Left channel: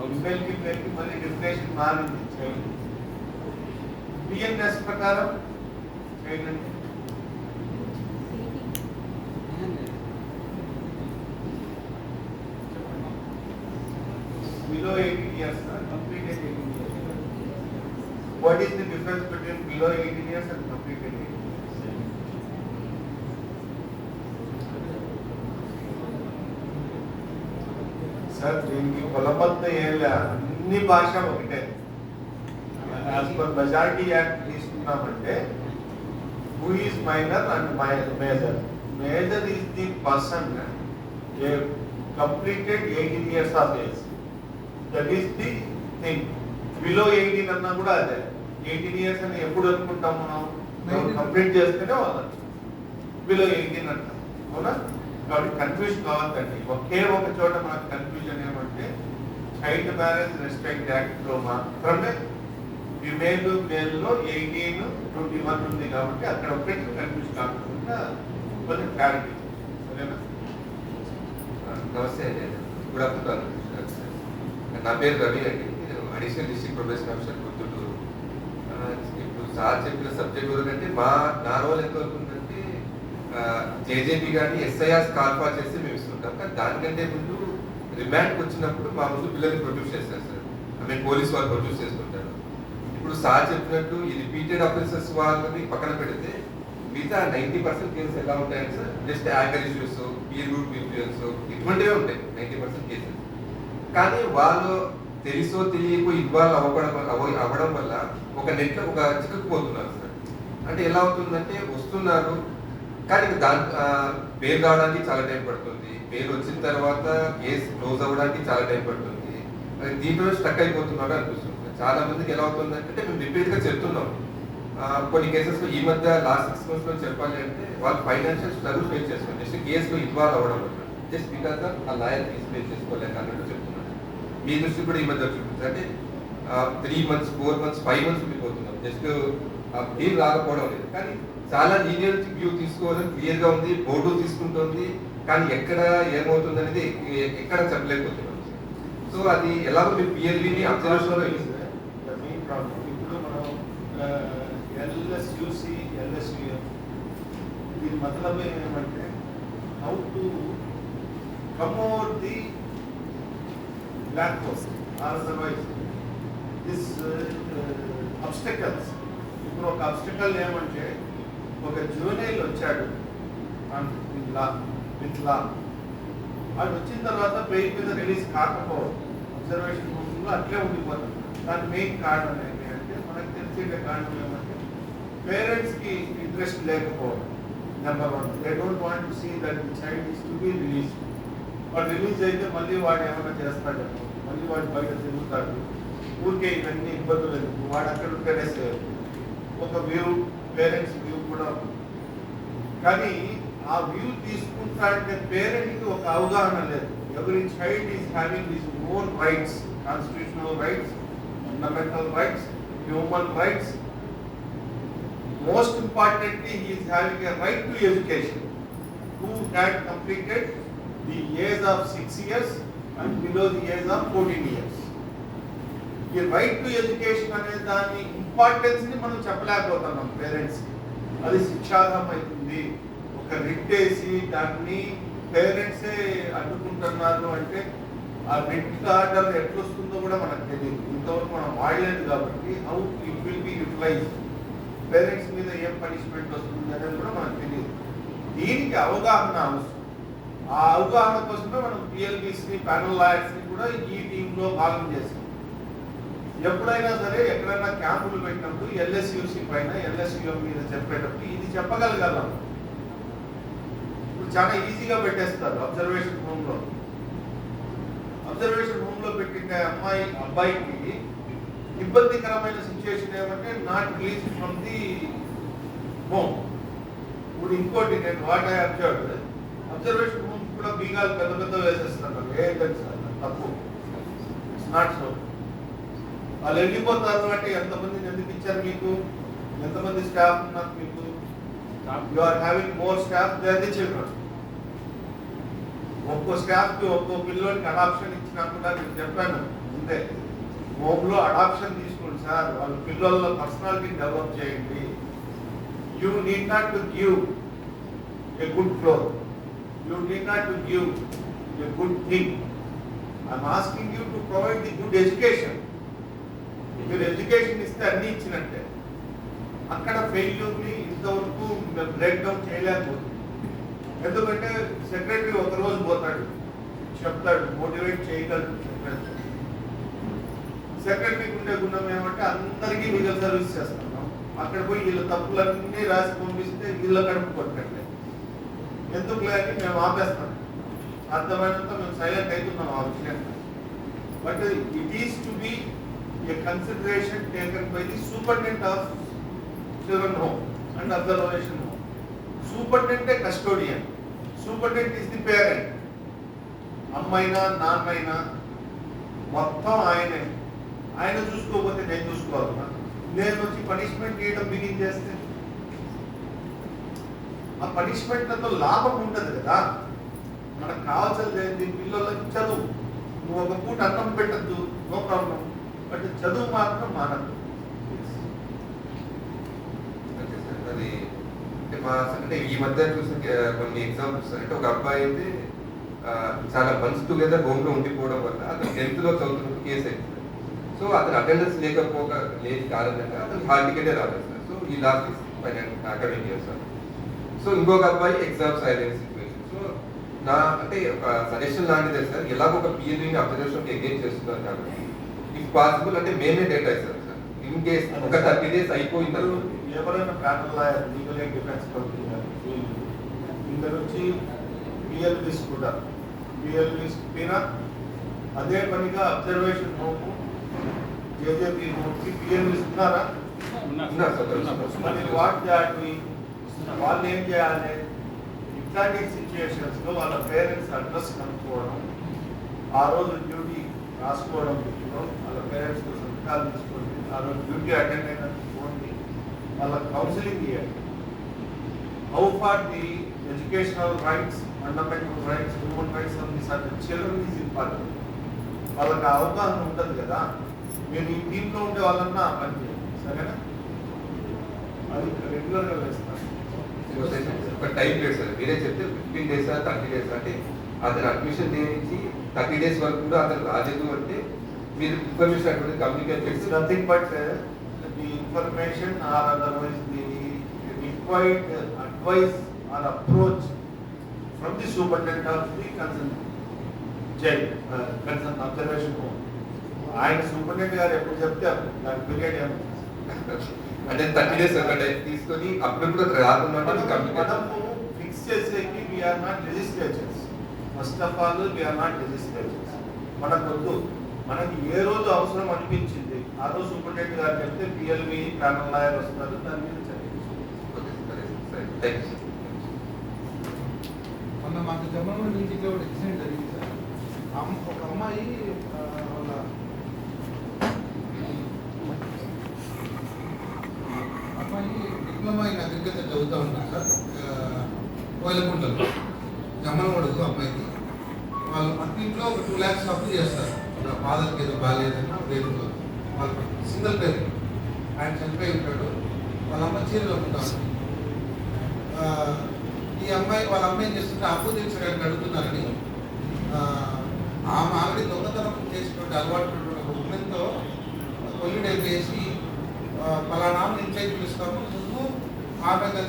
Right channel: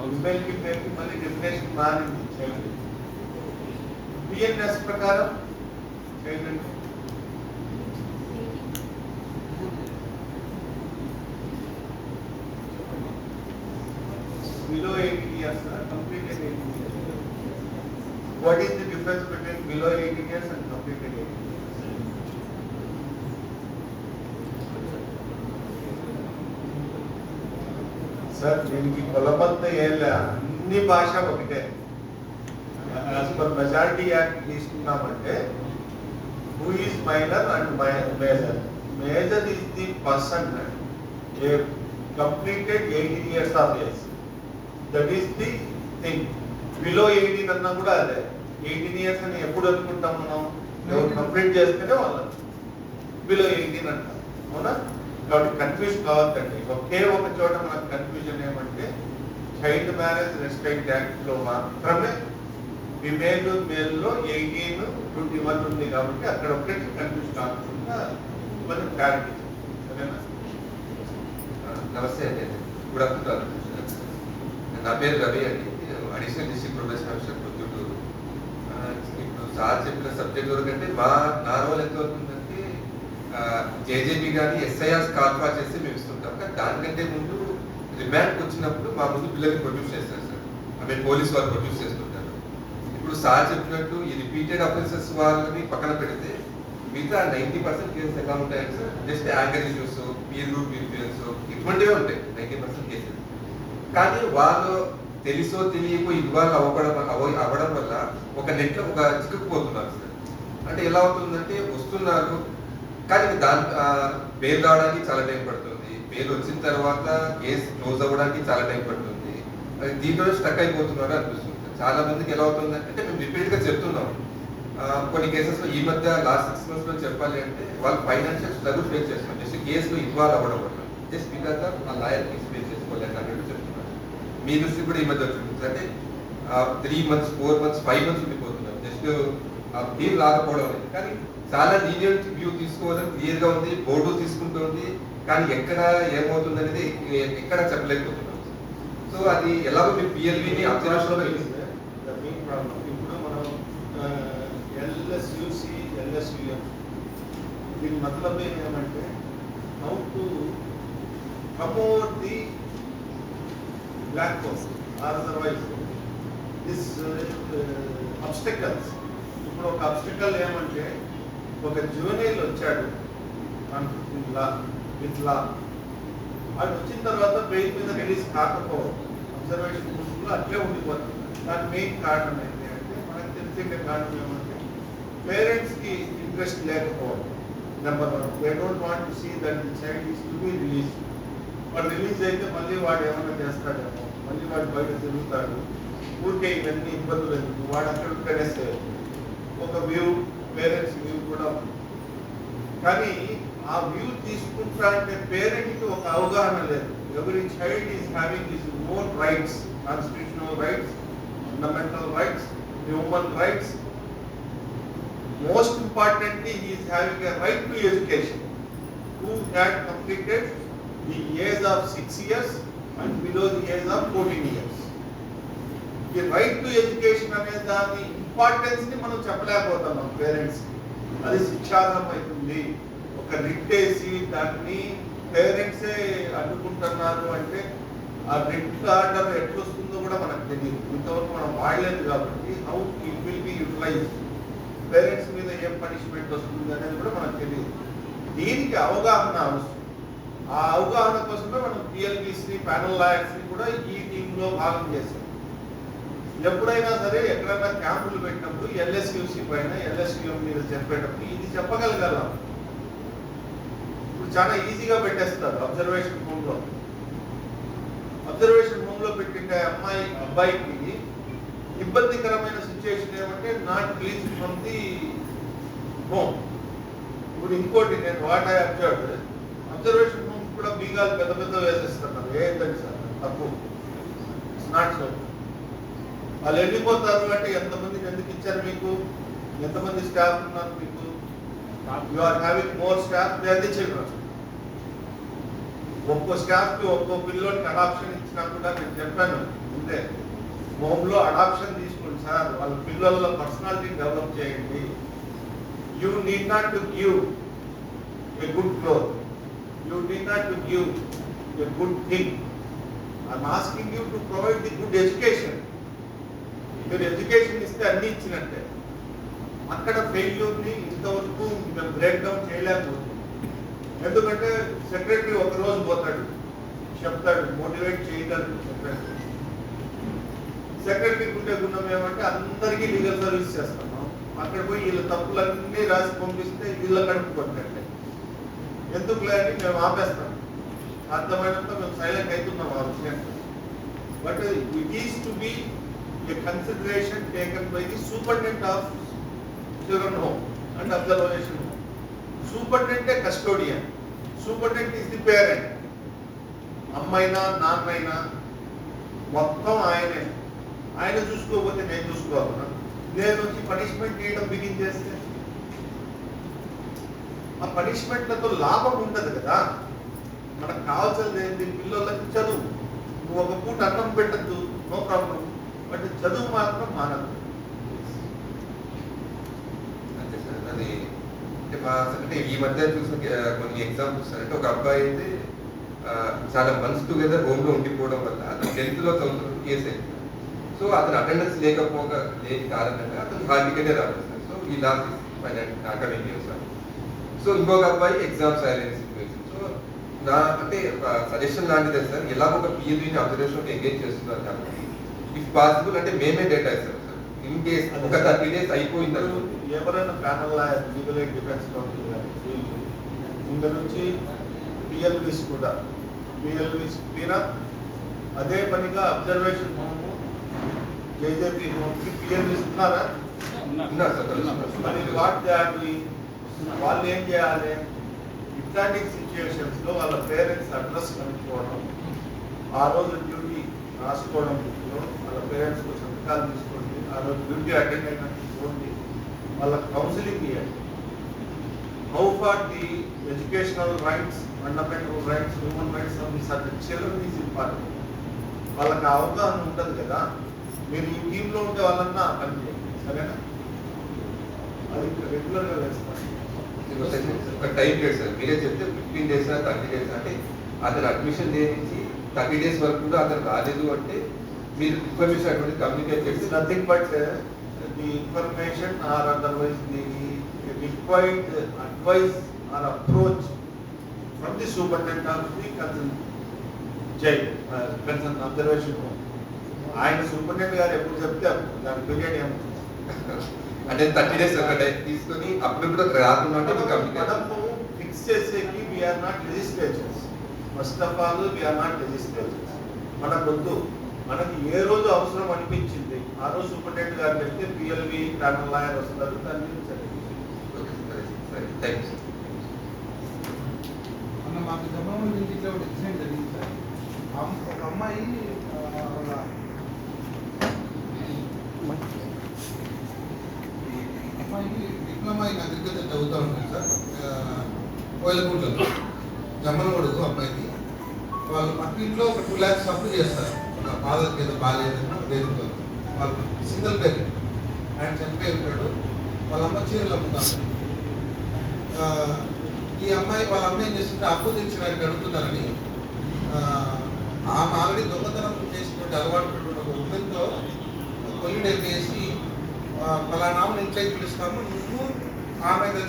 ఫిమేల్కి మేల్కి మళ్ళీ డెఫినేషన్ మారింది child. BNS ప్రకారం చైల్డ్ అంటే below 18 years, completed 18 years. What is the difference between below 18 years and completed 18 years? Sir, దీనికి కొలబద్ద ఏళ్ళ అన్ని భాష ఒకటే. యాజ్ పర్ మెజారిటీ యాక్ట్ తీసుకున్నామంటే who is minor and major. Major is the person a completed 18 years of age. That is the thing. Below 18 అన్నా కూడా అదే. 18 years అని ఎప్పుడు అనుకుంటాం మనం? కంప్లీట్ చేస్తేనే వాళ్ళు బిలో 18 అంటాం, అవునా? కాబట్టి కన్ఫ్యూజ్ కావద్దండి. ఒకే ఒక చోట మనకు కన్ఫ్యూజన్ ఏమంటే చైల్డ్ మ్యారేజ్ రెస్ట్రిక్ట్ యాక్ట్ లో మాత్రమే ఫిమేల్ మేల్లో 18, 21 ఉంది కాబట్టి అక్కడ ఒకటి కన్ఫ్యూజ్ కాకుండా కొంచెం క్లారిటీ. సరేనా? నమస్తే అండి, గుడ్ ఆఫ్టర్నూన్. నా పేరు రవి అండి, additional district protection officer Proddatur. ఇప్పుడు సార్ చెప్పిన సబ్జెక్ట్ వరకంటే నా రోల్ ఎంత అవుతుందంటే జేజేబీ కానీ ఎస్ఐఆర్ కాల్ఫా చేసి మేము ఇస్తుంటాం. కానీ దానికంటే ముందు రిమాండ్కి వచ్చినప్పుడు మా ముందు పిల్లల్ని ప్రొడ్యూస్ చేస్తారు సార్. మేము పోలీస్ వాళ్ళు ప్రొడ్యూస్ చేస్తుంటారు. ఇప్పుడు సార్ చెప్పినట్టు ఈ రిపీటెడ్ ఆఫెన్సెస్ వాళ్ళని పక్కన పెడితే మిగతా 90% కేసెస్ ఎలా ఉంటాయంటే sir just anger issues, peer group influence ఇటువంటివే ఉంటాయి 90% కేసెస్. కానీ వాళ్ళు తెలుసో తెలియకో ఇన్వాల్వ్ అవ్వడం వల్ల ఒక నెట్లో ఒక చిక్కుకుపోతున్నారు సార్. అంటే ఎలా అవుతుందంటే వస్తున్నారు కానీ దాని పేరు రావడానికి చాలా టైం పడుతుంది, పేరు వచ్చిన తర్వాత కేసు క్లోజ్ అవ్వడానికి చాలా టైం పడుతుంది. దీంట్లో స్టక్ అయిపోతున్నారు అనిపిస్తుంది. చాలా మందికి ఎలా అవుతుందంటే మేము రిపీట్గా చెప్తున్నాం. కొన్ని కేసెస్లో ఈ మధ్య లాస్ట్ 6 months లో చెప్పాలి అంటే వాళ్ళు ఫైనాన్షియల్ స్ట్రగుల్ ఫేస్ చేస్తున్నారు. జస్ట్ కేసులో ఇన్వాల్వ్ అవ్వడం వల్ల జస్ట్ బికాస్ ఆ లాయర్ కేసు ఫేస్ చేసుకోలేక అన్నట్టు చెప్తున్నారు. మీ దృష్టి కూడా ఈ మధ్య చూపించారు అంటే 3 months, 4 months, 5 months ఉండిపోతున్నాం జస్ట్ ఏం రాకపోవడం లేదు. కానీ చాలా లీనియంట్ వ్యూ తీసుకోవడం క్లియర్గా ఉంది, బోర్డు తీసుకుంటుంది. కానీ ఎక్కడ ఏమవుతుంది అనేది ఎక్కడ చెప్పలేకపోతున్నాం. సో అది ఎలాగో మీరు పిఎల్విని అబ్జర్వేషన్లో ఇప్పుడు మనం ఎల్ఎస్యుసి, ఎల్ఎస్యుఎం దీని మతలబ్ ఏమంటే how to come over the black hole or otherwise this obstacles. ఇప్పుడు ఒక అబ్స్టకల్ ఏమంటే ఒక జూనియర్ వచ్చాడు విత్ లా, అది వచ్చిన తర్వాత బెయిల్ మీద రిలీజ్ కాకపోవడం, అబ్జర్వేషన్ రూమ్లో అట్లే ఉండిపోతుంది. దాని మెయిన్ కారణం ఏంటి అంటే మనకు తెలిసే కారణం ఏమంటే పేరెంట్స్కి ఇంట్రెస్ట్ లేకపోవడం. Number 1, they don't want to see that the child is to be release. వాడు రిలీజ్ అయితే మళ్ళీ వాడు ఏమైనా చేస్తాడేమో, మళ్ళీ వాడు బయట తిరుగుతాడు, ఊరికే ఇవన్నీ ఇబ్బందులు ఎందుకు, వాడు అక్కడ ఉంటేనే సేఫ్. ఒక వ్యూ, పేరెంట్స్ వ్యూ కూడా ఉంది. కానీ ఆ వ్యూ తీసుకుంటా అంటే పేరెంట్కి ఒక అవగాహన లేదు. Every child is having this own rights, constitutional rights, fundamental rights, human rights. Most importantly, he is having a right to education. Who had completed the age of 6 years and below the age of 14 years. The right to education అనే దాని importance ని మనం చెప్పలేకపోతున్నాం parents. అది శిక్షార్హం అవుతుంది. ఒక writ వేసి దాన్ని పేరెంట్సే అడ్డుకుంటున్నారు అంటే ఆ రిట్ ఆర్డర్ ఎట్లొస్తుందో కూడా మనకు తెలియదు. ఇంతవరకు మనం వాడలేదు కాబట్టి how it will be utilized, parents మీద ఏం పనిష్మెంట్ వస్తుంది అనేది కూడా మనకు తెలియదు. దీనికి అవగాహన అవసరం. ఆ అవగాహన కోసమే మనం పిఎల్బిసి ప్యానల్ లాయర్స్ని కూడా ఈ టీంలో భాగం చేస్తాం. ఎప్పుడైనా సరే ఎక్కడైనా క్యాంపులు పెట్టినప్పుడు ఎల్ఎస్యుసి పైన, ఎల్ఎస్యుఎం మీద చెప్పేటప్పుడు ఇది చెప్పగలగలం. ఇప్పుడు చాలా ఈజీగా పెట్టేస్తారు అబ్జర్వేషన్ రూమ్లో. అబ్జర్వేషన్ రూమ్లో పెట్టిన అబ్బాయికి ఇబ్బందికరమైన సిచ్యువేషన్ ఏమంటే not release from the home. ఇప్పుడు ఇంకోటి నేను what I observed, observation room కూడా బీగాలు పెద్ద పెద్ద వేసేస్తున్నారు. ఏంటంటే సార్ తప్పు, ఇట్స్ నాట్ సో. వాళ్ళు వెళ్ళిపోతారు అంటే ఎంతమందిని ఎందుకు ఇచ్చారు మీకు, ఎంతమంది స్టాఫ్ ఉన్నారు మీకు, you are having more staff there the children. ఒక్కో స్టాఫ్కి ఒక్కో పిల్లోడికి అడాప్షన్ ఇచ్చినా కూడా నేను చెప్పాను ఉంటే హోమ్లో అడాప్షన్ తీసుకోండి సార్, వాళ్ళ పిల్లల పర్సనాలిటీ డెవలప్ చేయండి. You need not to give a good cloth, you need not to give a good thing. I'm asking you to provide the good education. మీరు ఎడ్యుకేషన్ ఇస్తే అన్ని ఇచ్చినట్టే. అక్కడ ఫెయిల్యూర్ని ఇంతవరకు బ్రేక్ డౌన్ చేయలేకపోతుంది. ఎందుకంటే సెక్రటరీ ఒక రోజు పోతాడు, చెప్తాడు, మోటివేట్ చేయగలరు సెక్రటరీకి ఉండే గుణం ఏమంటే అందరికీ లీగల్ సర్వీస్ చేస్తున్నాం, అక్కడ పోయి వీళ్ళ తప్పులన్నీ రాసి పంపిస్తే వీళ్ళ కడుపు కొట్టండి, ఎందుకు లేని మేము ఆపేస్తాం. అర్థమైనంత మేము సైలెంట్ అవుతున్నాం ఆ విషయం. But it is to be a consideration taken by the superintendent of children home and observation home. సూపరింటెండెంటే custodian, superintendent is the parent. అమ్మైనా నాన్నైనా మొత్తం ఆయనే. ఆయన చూసుకోకపోతే నేను చూసుకోవాలన్నా, నేను వచ్చి పనిష్మెంట్ చేయడం బిగిన్ చేస్తే ఆ పనిష్మెంట్లతో లాభం ఉండదు కదా. మనకు కావాల్సింది ఏంటి? పిల్లలకి చదువు. నువ్వు ఒక పూట అన్నం పెట్టద్దు, నో ప్రాబ్లం, బట్ చదువు మాత్రం మానద్దు. అది అంటే ఈ మధ్య చూసిన కొన్ని ఎగ్జాంపుల్స్ అంటే ఒక అబ్బాయి అయితే చాలా మంత్స్ టుగెదర్ హోమ్ లో ఉండిపోవడం వల్ల అతను 10th లో చదువుతున్నప్పుడు కేసు అయింది. సో అతను అటెండెన్స్ లేని కారణంగా అతను హాల్ టికెటే రాలేదు సార్. సో ఈ last academic year sir. So ఇంకొక అబ్బాయి ఎగ్జామ్స్ రాయలేని సిచ్యువేషన్. సో నా అంటే సజెషన్ లాంటిదే సార్, ఎలాగో ఒక పిఎల్ని అబ్జర్వేషన్ ఎంగేజ్ చేస్తున్నారు కాబట్టి ఇఫ్ పాసిబుల్ అంటే మేమే డేటా ఇస్తాం సార్. ఇన్ కేస్ ఒక 30 days అయిపోయింది, ఎవరైనా panel lawyer, legal aid defence council వీళ్ళు ఇంక నుంచి పిఎల్వీస్ కూడా పిఎల్వీస్ మీద అదే పనిగా అబ్జర్వేషన్ హోమ్ జేజేపీ హోమ్కి పిఎల్వీస్ ఉన్నారా? మరి వాట్ చేయాలి, వాళ్ళు ఏం చేయాలి? ఇట్లాంటి సిచ్యుయేషన్స్ లో వాళ్ళ పేరెంట్స్ అడ్రస్ కనుక్కోవడం, ఆ రోజు డ్యూటీ రాసుకోవడం, వాళ్ళ పేరెంట్స్ తో సంతకాలు తీసుకోండి, ఆ రోజు డ్యూటీ అటెండ్ అయినట్టు చూడండి, వాళ్ళ కౌన్సిలింగ్ చేయాలి. How far the educational rights, fundamental rights, human rights of the certain children is important. వాళ్ళకి అవగాహన ఉంటుంది కదా. మీరు ఈ టీంలో ఉండే వాళ్ళన్నా పని చేయండి, సరేనా? అది రెగ్యులర్గా వేస్తాను. ఒక టైం లేదు సార్, మీరే చెప్తే 15 days 30 days అంటే అతను అడ్మిషన్ చేయించి 30 days వరకు కూడా అతను రాలేదు అంటే మీరు ఇన్ఫర్మేషన్ అటువంటి కమ్యూనికేట్ చేసి nothing but the information or otherwise the required advice are approach from the superintendent of the concern jail concern observation home. ఆయన సూపరింటెండెంట్ గారు ఎప్పుడు చెప్తే దాని పీరియడ్ ఏమో అంటే 30 days ఒక టైం తీసుకొని అప్పుడు కూడా రాకుండా మనము ఫిక్స్ చేసేకి we are not legislatures. First of all we are not legislatures. మనకొద్దు, మనకి ఏ రోజు అవసరం అనిపించింది ఆ రోజు సూపరింటెండెంట్ గారు చెప్తే పిఎల్వి ప్యానల్ లాయర్ వస్తారు, దాని మీద మొన్న మాకు జమ్మల నుంచి ఇట్లా ఒక ఇన్సిడెంట్ జరిగింది సార్. ఒక అమ్మాయి వాళ్ళ అమ్మాయి డిప్లొమా ఇన్ అగ్రికల్చర్ చదువుతూ ఉంటుంది సార్. కోయిలకుంటలో జమ్మల కొడుకు అమ్మాయికి వాళ్ళు పక్కింట్లో ఒక 2 lakhs అప్పు చేస్తారు. ఫాదర్కి ఏదో బాగాలేదన్నా దేనితో వాళ్ళు సింగిల్ పేరెంట్, ఆయన చనిపోయిపోయాడు. వాళ్ళ అమ్మ చీరలు అమ్ముతాను. ఈ అమ్మాయి వాళ్ళ అమ్మాయి చేస్తుంటే అప్పు తీర్చడానికి అడుగుతున్నారని ఆమె ఆల్రెడీ దొంగతనం చేసినటువంటి అలవాటు ఒక ఉమెన్తో కొల్లిడేసి పలానా ఇంట్లో పిలుస్తాము, నువ్వు ఆమె కలిసి